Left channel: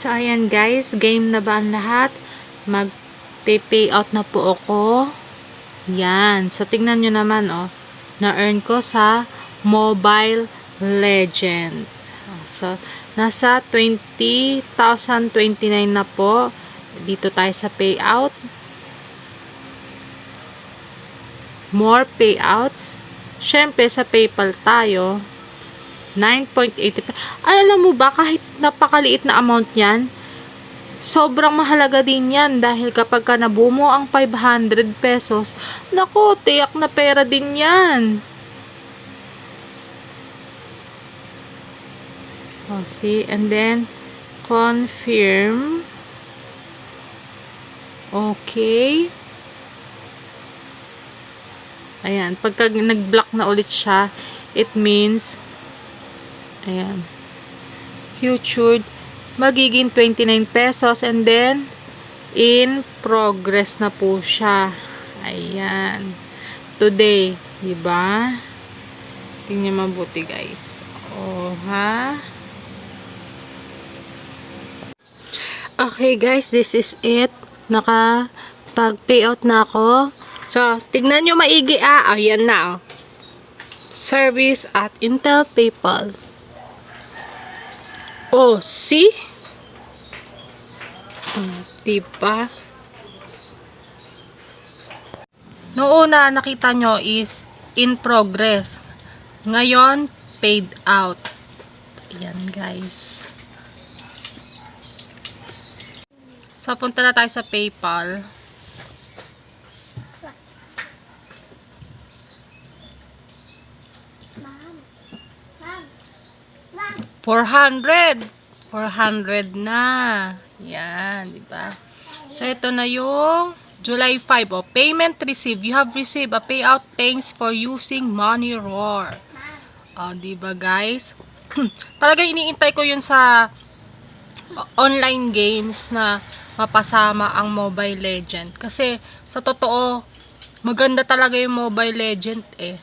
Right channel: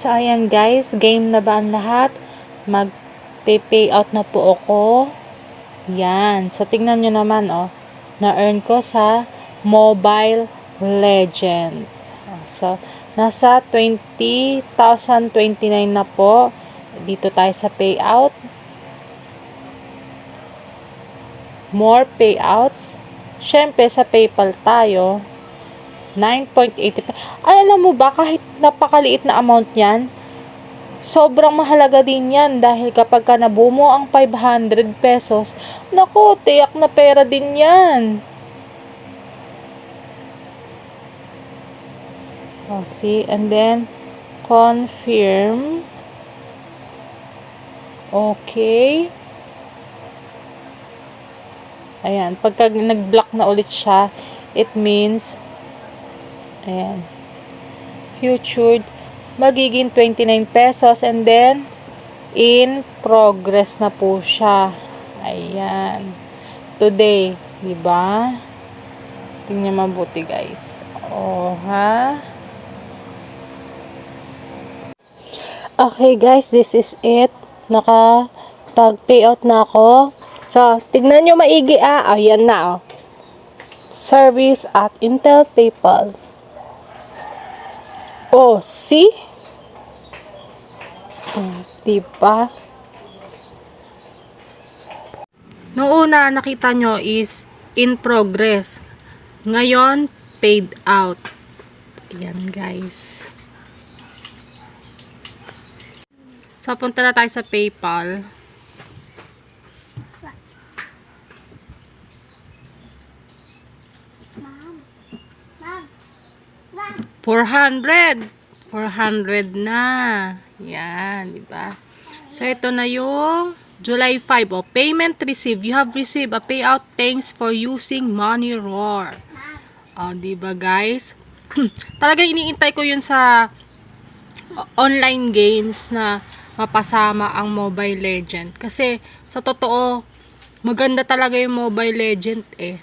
So, ayan guys, game na ba ang lahat? Mag-payout na po ako. Yan. So, tingnan nyo naman, oh. Na-earn ko sa Mobile Legends. So, nasa 20,029 na po. Dito tayo sa payout. More payouts. Siyempre, sa PayPal tayo. 9.80. Ay, alam mo ba, kahit napakaliit na amount yan, sobrang mahalaga din yan dahil kapag ka nabuo mo ang 500 pesos, naku, tiyak na pera din yan. Oh, see? And then, confirm. Okay. Ayan, pagka nag-block na ulit siya, it means ayan, future magiging 29 pesos and then in progress na po siya. Ayan, today, diba? Tingnan mabuti guys. Oh, ha? Okay guys, this is it. Nakapag-payout na ako. So, tignan nyo maigi ayan na oh. Service at Intel PayPal. Oh, see? Diba? Noong una nakita nyo is in progress. Ngayon, paid out. Ayan guys. So, punta na tayo sa PayPal. $400 na. Yan, di ba? So, ito na yung July 5. Oh, payment received. You have received a payout. Thanks for using Money Roar. Oh, di ba guys? Talaga iniintay ko yun sa online games na mapasama ang Mobile Legend. Kasi, sa totoo, maganda talaga yung Mobile Legend eh.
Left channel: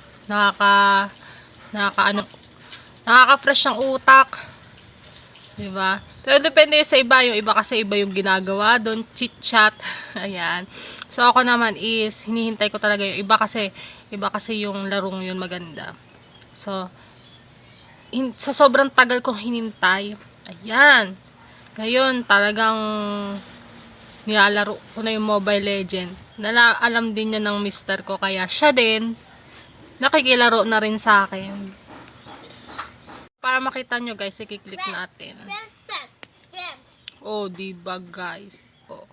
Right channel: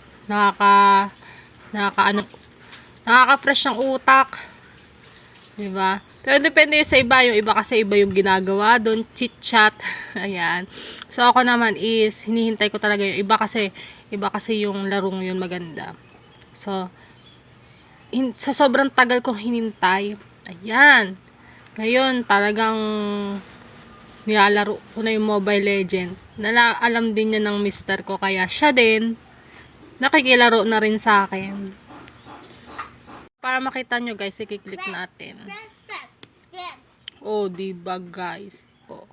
Nakaka-fresh ng utak. Diba? So, depende sa iba. Yung iba kasi iba yung ginagawa doon. Chit-chat. Ayan. So, ako naman is, hinihintay ko talaga yung iba kasi yung larong yun maganda. So, sa sobrang tagal kong hinintay. Ayan. Ngayon, talagang nilalaro ko na yung Mobile Legend. Alam din niya ng mister ko. Kaya siya din, nakikilaro na rin sa akin. Para makita nyo guys, i-click natin. Oh, diba guys? Oh.